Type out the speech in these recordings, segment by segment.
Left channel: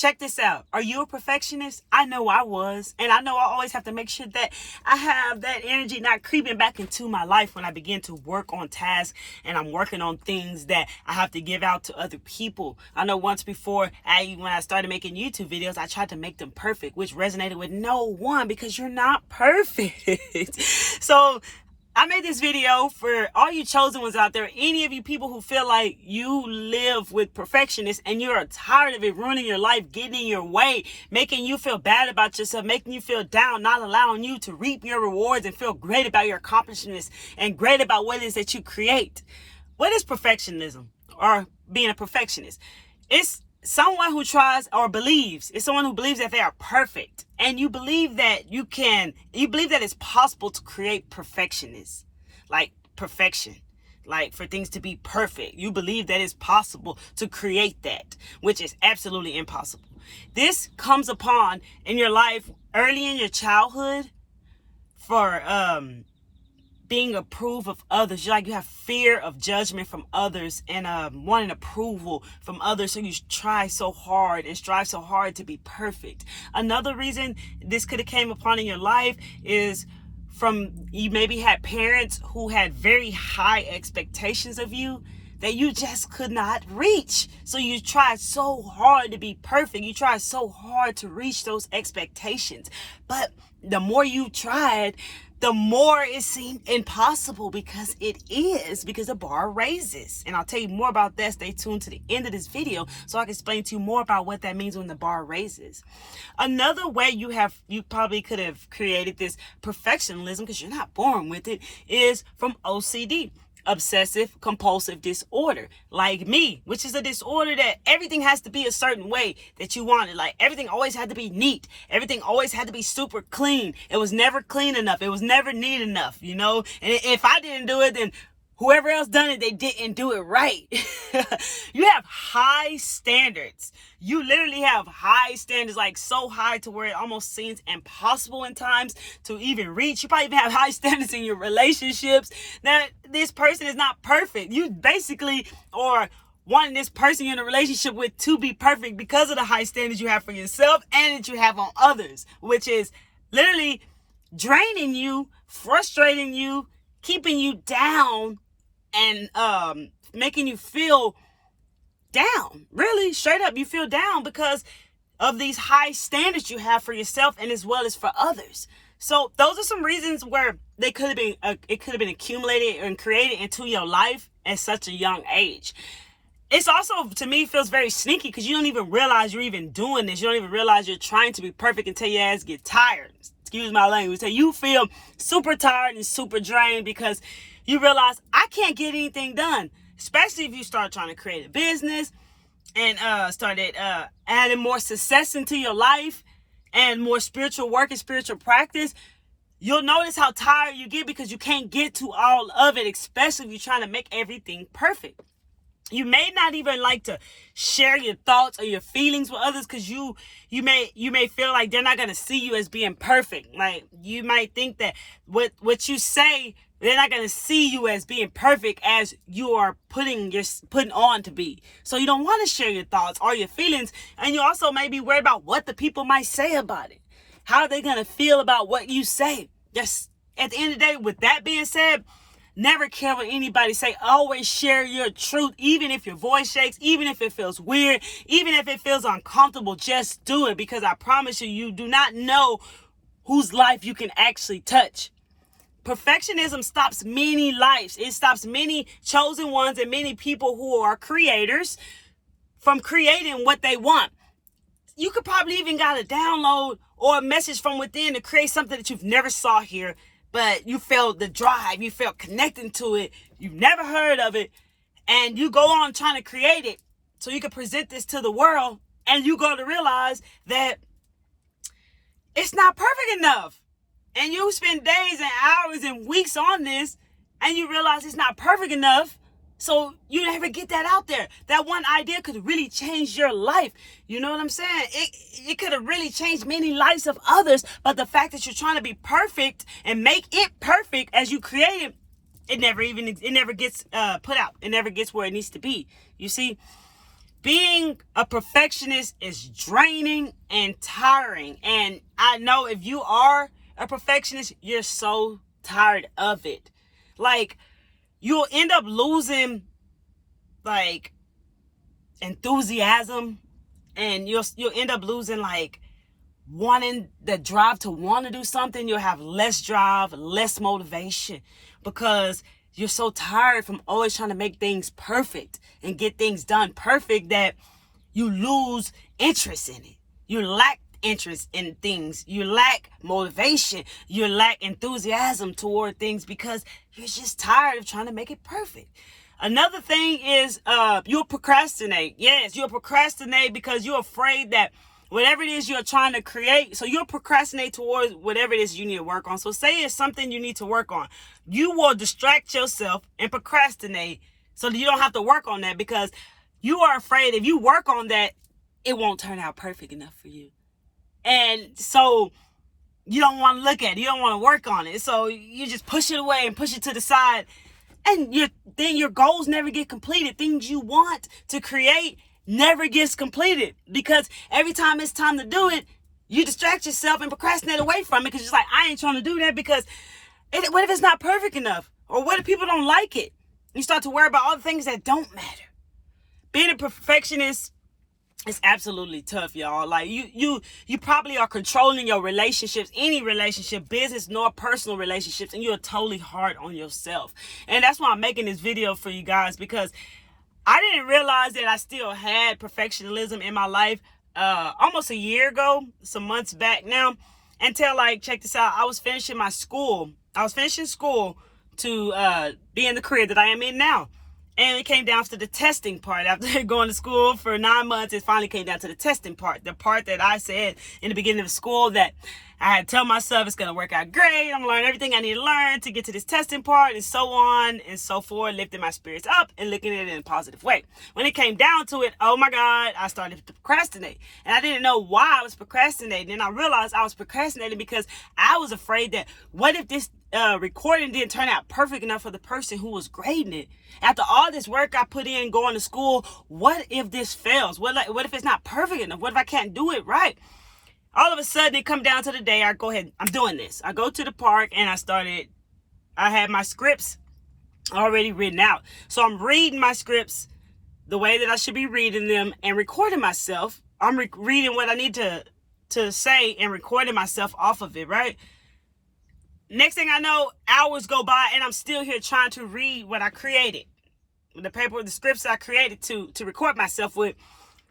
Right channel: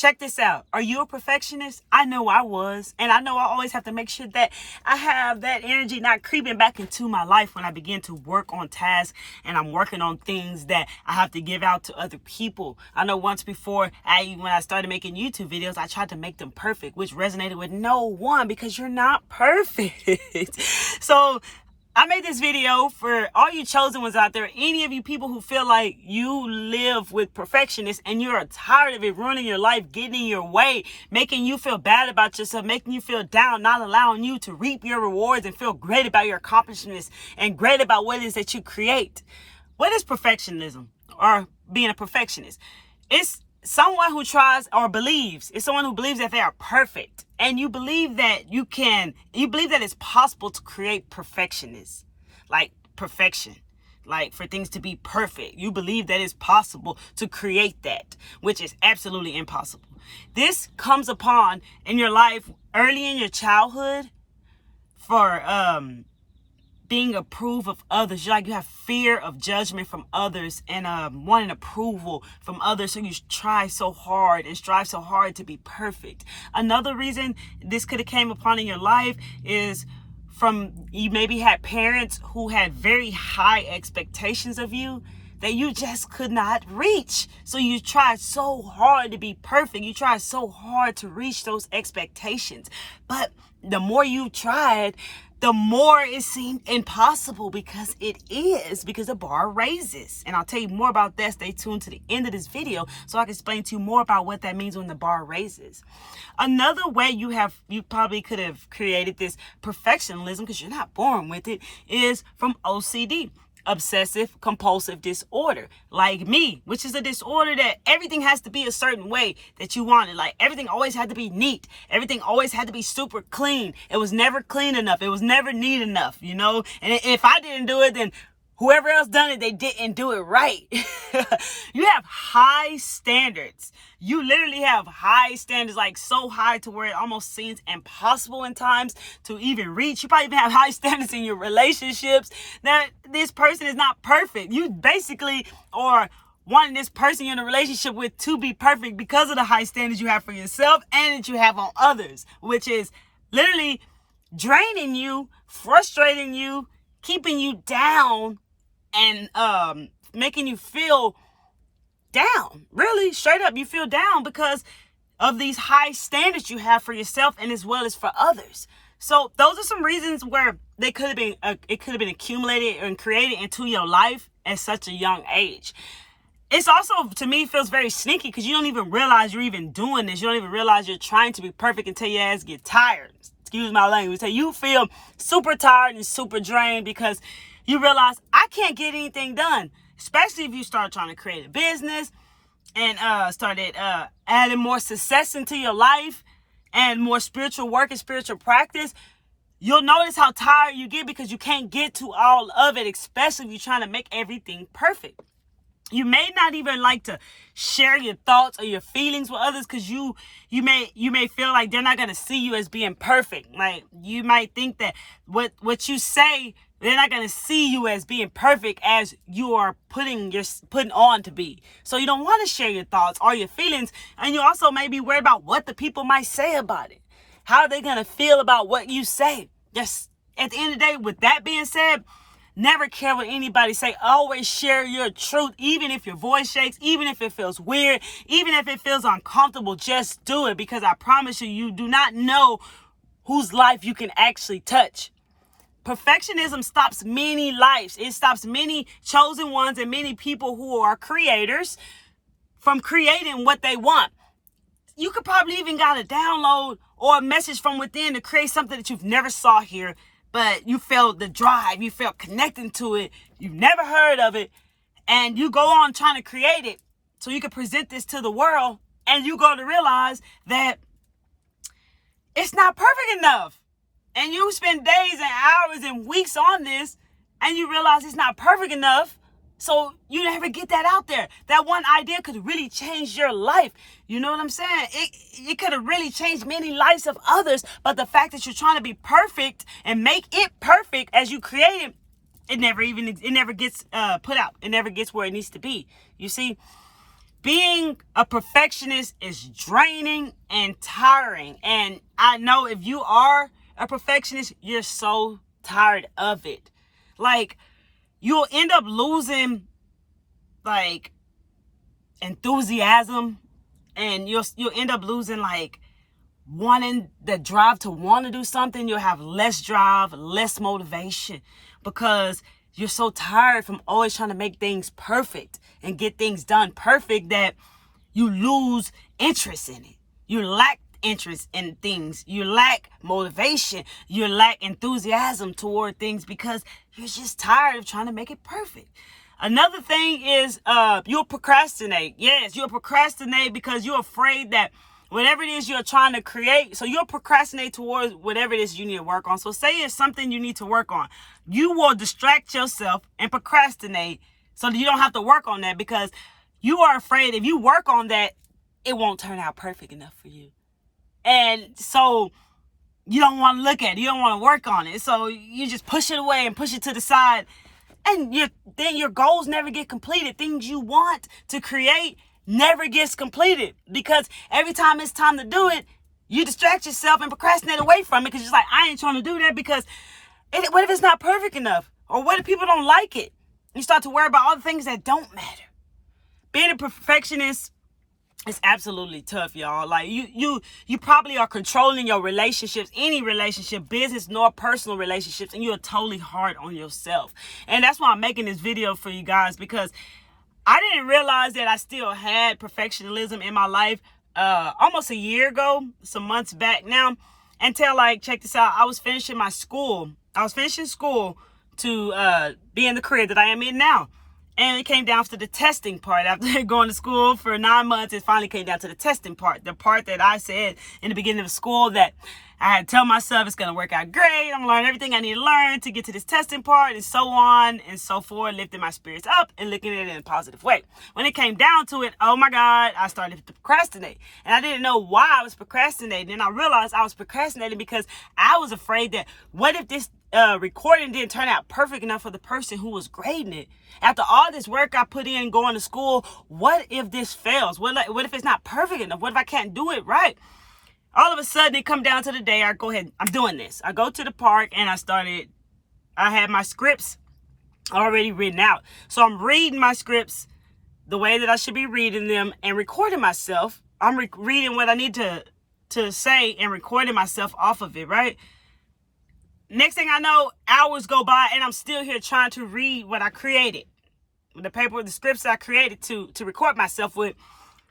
Check this out. Are you a perfectionist? I know I was. And I know I always have to make sure that I have that energy not creeping back into my life when I begin to work on tasks and I'm working on things that I have to give out to other people. I know once before, when I started making YouTube videos, I tried to make them perfect, which resonated with no one because you're not perfect. So I made this video for all you chosen ones out there, any of you people who feel like you live with perfectionists and you're tired of it ruining your life, getting in your way, making you feel bad about yourself, making you feel down, not allowing you to reap your rewards and feel great about your accomplishments and great about what it is that you create. What is perfectionism or being a perfectionist? It's someone who tries or believes, it's someone who believes that they are perfect. And you believe that you believe that it's possible to create perfectionists, like perfection, like for things to be perfect. You believe that it's possible to create that, which is absolutely impossible. This comes upon in your life early in your childhood for, being approved of others. You have fear of judgment from others and wanting approval from others. So you try so hard and strive so hard to be perfect. Another reason this could have came upon in your life is from you maybe had parents who had very high expectations of you that you just could not reach. So you tried so hard to be perfect. You tried so hard to reach those expectations. But the more you tried, the more it seemed impossible because the bar raises. And I'll tell you more about that. Stay tuned to the end of this video so I can explain to you more about what that means when the bar raises. Another way you probably could have created this perfectionism, because you're not born with it, is from OCD. Obsessive compulsive disorder, like me, which is a disorder that everything has to be a certain way that you want it. Like everything always had to be neat. Everything always had to be super clean. It was never clean enough. It was never neat enough, And if I didn't do it, then whoever else done it, they didn't do it right. You have high standards. You literally have high standards, like so high to where it almost seems impossible in times to even reach. You probably even have high standards in your relationships that this person is not perfect. You basically are wanting this person you're in a relationship with to be perfect because of the high standards you have for yourself and that you have on others, which is literally draining you, frustrating you, keeping you down, and making you feel down. Really, straight up, you feel down because of these high standards you have for yourself and as well as for others. So those are some reasons where it could have been accumulated and created into your life at such a young age. It's also, to me, feels very sneaky because you don't even realize you're even doing this. You don't even realize you're trying to be perfect until your ass get tired. Excuse my language. So you feel super tired and super drained because you realize I can't get anything done. Especially if you start trying to create a business and started adding more success into your life and more spiritual work and spiritual practice, you'll notice how tired you get because you can't get to all of it, especially if you're trying to make everything perfect. You may not even like to share your thoughts or your feelings with others because you may feel like they're not going to see you as being perfect. Like you might think that what you say, they're not going to see you as being perfect as you are putting on to be. So you don't want to share your thoughts or your feelings. And you also may be worried about what the people might say about it. How are they going to feel about what you say? Just at the end of the day, with that being said, never care what anybody say. Always share your truth, even if your voice shakes, even if it feels weird, even if it feels uncomfortable, just do it. Because I promise you, you do not know whose life you can actually touch. Perfectionism stops many lives. It stops many chosen ones and many people who are creators from creating what they want. You could probably even got a download or a message from within to create something that you've never saw here, but you felt the drive, you felt connecting to it, you've never heard of it, and you go on trying to create it so you can present this to the world, and you go to realize that it's not perfect enough. And you spend days and hours and weeks on this, and you realize it's not perfect enough. So you never get that out there. That one idea could really change your life. You know what I'm saying? It could have really changed many lives of others. But the fact that you're trying to be perfect and make it perfect as you create it, it never gets put out. It never gets where it needs to be. You see, being a perfectionist is draining and tiring. And I know if you are a perfectionist, you're so tired of it. Like, you'll end up losing, like, enthusiasm, and you'll end up losing, like, wanting the drive to want to do something. You'll have less drive, less motivation, because you're so tired from always trying to make things perfect and get things done perfect that you lose interest in it. You lack interest in things. You lack motivation. You lack enthusiasm toward things because you're just tired of trying to make it perfect. Another thing is you'll procrastinate. Yes, you'll procrastinate because you're afraid that whatever it is you're trying to create, so you'll procrastinate towards whatever it is you need to work on. So say it's something you need to work on. You will distract yourself and procrastinate so that you don't have to work on that, because you are afraid if you work on that, it won't turn out perfect enough for you. And so you don't want to look at it. You don't want to work on it. So you just push it away and push it to the side. And then your goals never get completed. Things you want to create never gets completed, because every time it's time to do it, you distract yourself and procrastinate away from it, because it's like, I ain't trying to do that because what if it's not perfect enough? Or what if people don't like it? You start to worry about all the things that don't matter. Being a perfectionist is absolutely tough, y'all. Like, you probably are controlling your relationships, any relationship, business nor personal relationships, and you're totally hard on yourself. And that's why I'm making this video for you guys, because I didn't realize that I still had perfectionism in my life almost a year ago, some months back now, until, like, check this out. I was finishing school to be in the career that I am in now. And it came down to the testing part. After going to school for 9 months, it finally came down to the testing part. The part that I said in the beginning of school that I had to tell myself it's going to work out great. I'm going to learn everything I need to learn to get to this testing part, and so on and so forth, lifting my spirits up and looking at it in a positive way. When it came down to it, oh my God, I started to procrastinate. And I didn't know why I was procrastinating. And I realized I was procrastinating because I was afraid that what if this recording didn't turn out perfect enough for the person who was grading it? After all this work I put in going to school, what if this fails? What if it's not perfect enough? What if I can't do it right? All of a sudden, it come down to the day, I go ahead, I'm doing this. I go to the park and I had my scripts already written out. So I'm reading my scripts the way that I should be reading them and recording myself. I'm reading what I need to say and recording myself off of it, right? Next thing I know, hours go by and I'm still here trying to read what I created. The scripts I created to record myself with.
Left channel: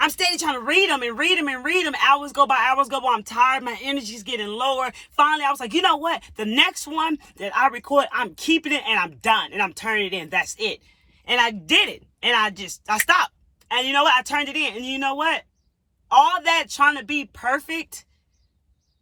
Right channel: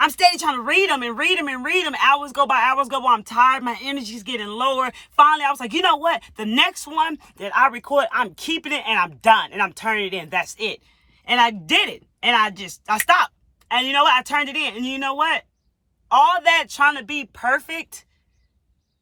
I'm steady trying to read them and read them and read them. Hours go by. I'm tired. My energy's getting lower. Finally, I was like, you know what? The next one that I record, I'm keeping it and I'm done. And I'm turning it in. That's it. And I did it. And I stopped. And you know what? I turned it in. And you know what? All that trying to be perfect,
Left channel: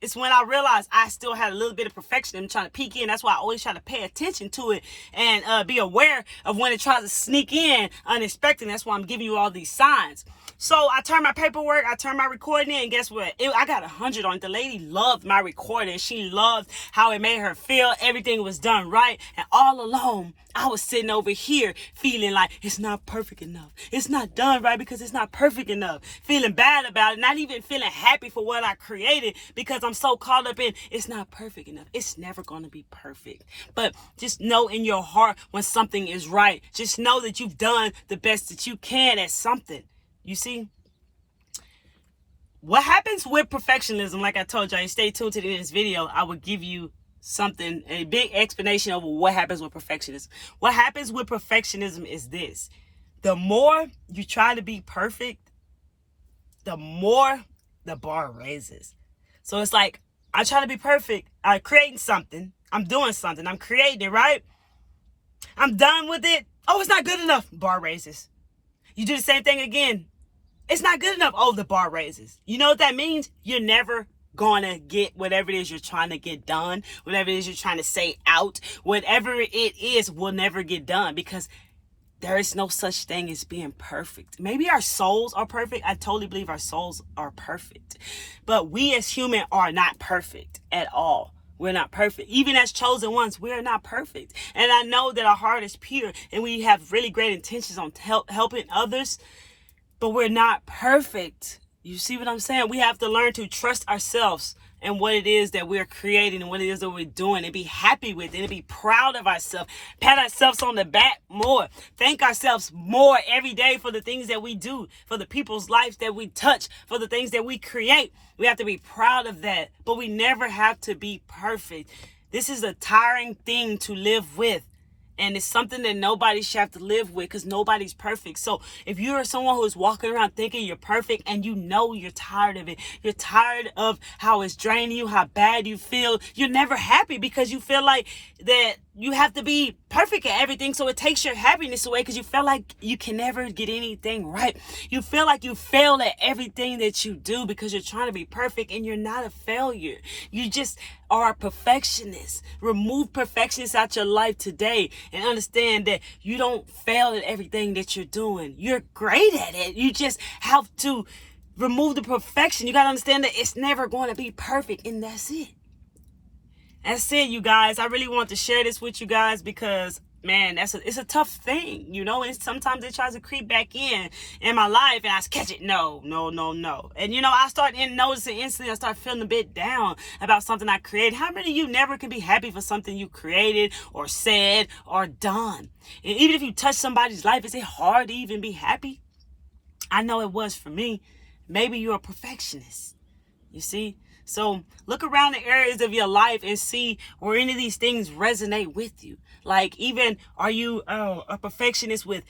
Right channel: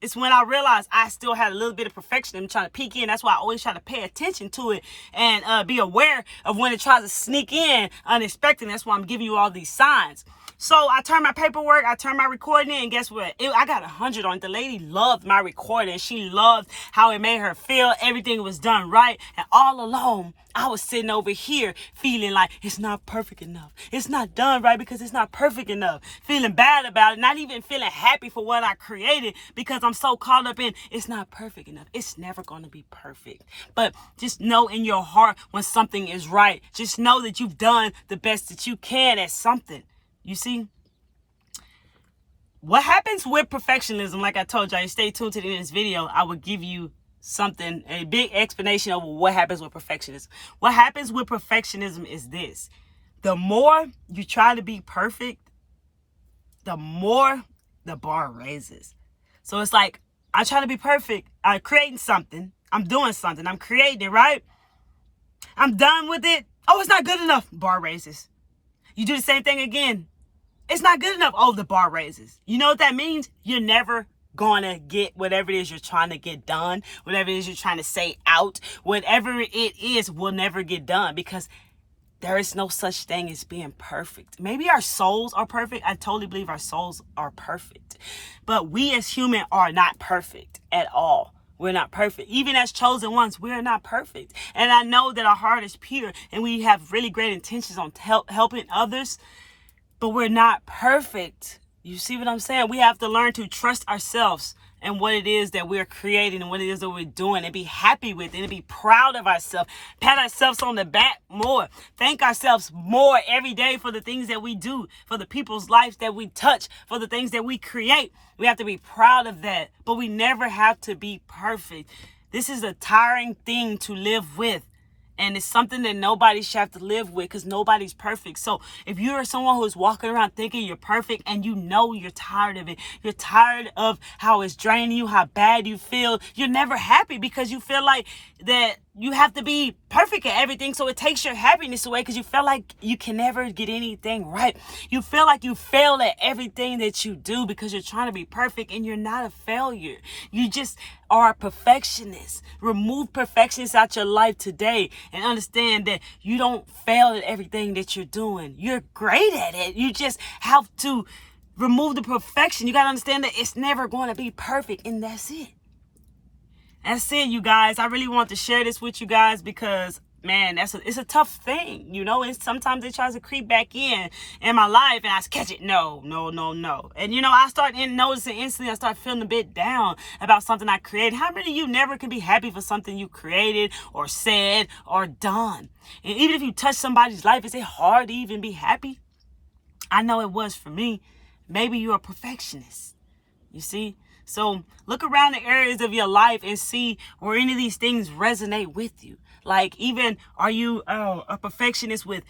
it's when I realized I still had a little bit of perfectionism trying to peek in. That's why I always try to pay attention to it and be aware of when it tries to sneak in unexpected. That's why I'm giving you all these signs. So I turned my paperwork, I turned my recording in, and guess what? I got 100 on it. The lady loved my recording. She loved how it made her feel. Everything was done right. And all alone, I was sitting over here feeling like it's not perfect enough. It's not done right because it's not perfect enough. Feeling bad about it, not even feeling happy for what I created because I'm so caught up in it's not perfect enough. It's never going to be perfect. But just know in your heart when something is right. Just know that you've done the best that you can at something. You see, what happens with perfectionism, like I told you, stay tuned to the end of this video. I will give you a big explanation of what happens with perfectionism. What happens with perfectionism is this. The more you try to be perfect, the more the bar raises. So it's like, I try to be perfect. I'm creating something. I'm doing something. I'm creating it, right? I'm done with it. Oh, it's not good enough. Bar raises. You do the same thing again. It's not good enough. Oh, the bar raises. You know what that means? You're never going to get whatever it is you're trying to get done, whatever it is you're trying to say out, whatever it is will never get done because there is no such thing as being perfect. Maybe our souls are perfect. I totally believe our souls are perfect. But we as humans are not perfect at all. We're not perfect. Even as chosen ones, we're not perfect. And I know that our heart is pure and we have really great intentions on helping others. but we're not perfect. You see what I'm saying? We have to learn to trust ourselves and what it is that we're creating and what it is that we're doing, and be happy with it and be proud of ourselves. Pat ourselves on the back more. Thank ourselves more every day for the things that we do, for the people's lives that we touch, for the things that we create. We have to be proud of that, but we never have to be perfect. This is a tiring thing to live with. And it's something that nobody should have to live with, because nobody's perfect. So if you're someone who's walking around thinking you're perfect and you know you're tired of it, you're tired of how it's draining you, how bad you feel, you're never happy because you feel like that you have to be perfect at everything. So it takes your happiness away because you feel like you can never get anything right. You feel like you fail at everything that you do because you're trying to be perfect, and you're not a failure. You just are a perfectionist. Remove perfectionists out your life today and understand that you don't fail at everything that you're doing. You're great at it. You just have to remove the perfection. You got to understand that it's never going to be perfect, and that's it. That's it, you guys. I really want to share this with you guys because, man, it's a tough thing, you know, and sometimes it tries to creep back in my life, and I catch it. No. And, I start noticing instantly, I start feeling a bit down about something I created. How many of you never can be happy for something you created or said or done? And even if you touch somebody's life, is it hard to even be happy? I know it was for me. Maybe you're a perfectionist, you see? So look around the areas of your life and see where any of these things resonate with you. Like, even, are you a perfectionist with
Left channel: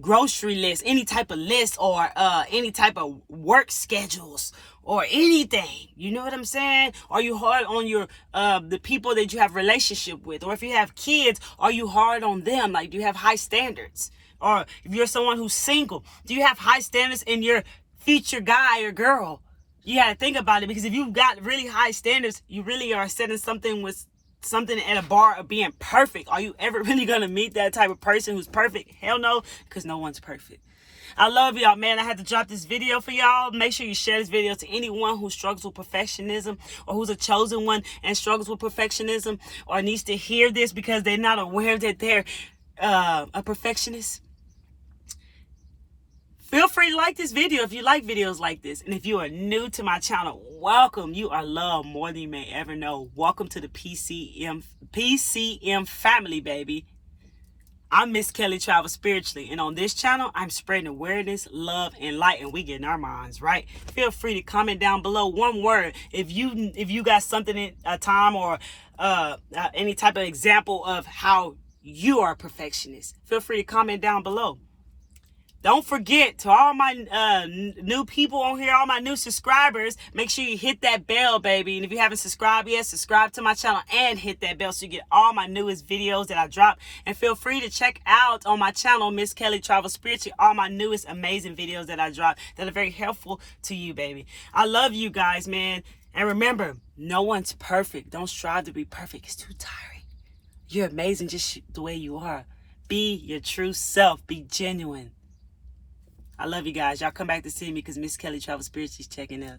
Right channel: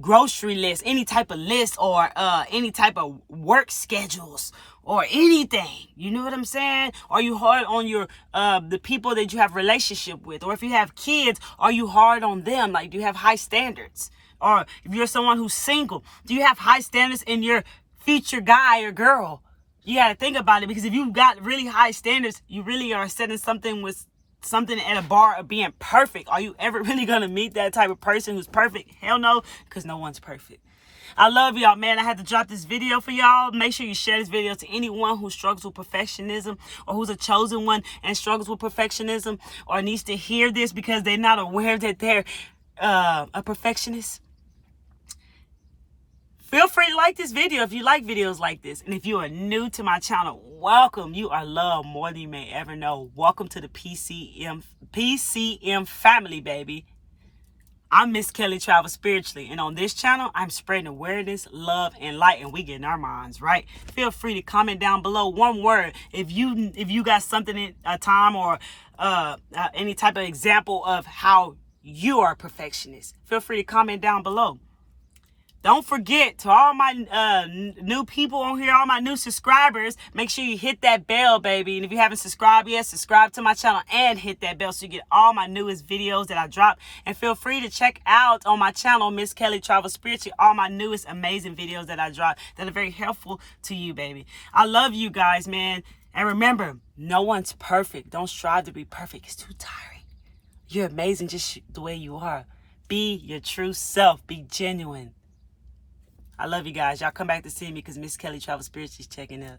grocery lists, any type of list, or any type of work schedules or anything? You know what I'm saying? Are you hard on your the people that you have relationship with? Or if you have kids, are you hard on them? Like, do you have high standards? Or if you're someone who's single, do you have high standards in your future guy or girl? You got to think about it, because if you've got really high standards, you really are setting something at a bar of being perfect. Are you ever really going to meet that type of person who's perfect? Hell no, because no one's perfect. I love y'all, man. I had to drop this video for y'all. Make sure you share this video to anyone who struggles with perfectionism, or who's a chosen one and struggles with perfectionism, or needs to hear this because they're not aware that they're a perfectionist. Feel free to like this video if you like videos like this. And if you are new to my channel, welcome. You are loved more than you may ever know. Welcome to the PCM family, baby. I'm Miss Kelly Travel Spiritually. And on this channel, I'm spreading awareness, love, and light. And we getting our minds right. Feel free to comment down below one word. If you got something in a time, or any type of example of how you are a perfectionist, feel free to comment down below. Don't forget, to all my new people on here, all my new subscribers, make sure you hit that bell, baby. And if you haven't subscribed yet, subscribe to my channel and hit that bell so you get all my newest videos that I drop. And feel free to check out on my channel, Miss Kelly Travel Spiritually, all my newest amazing videos that I drop that are very helpful to you, baby. I love you guys, man. And remember, no one's perfect. Don't strive to be perfect. It's too tiring. You're amazing just the way you are. Be your true self. Be genuine. I love you guys. Y'all come back to see me because Miss Kelly Travel Spiritually is checking out.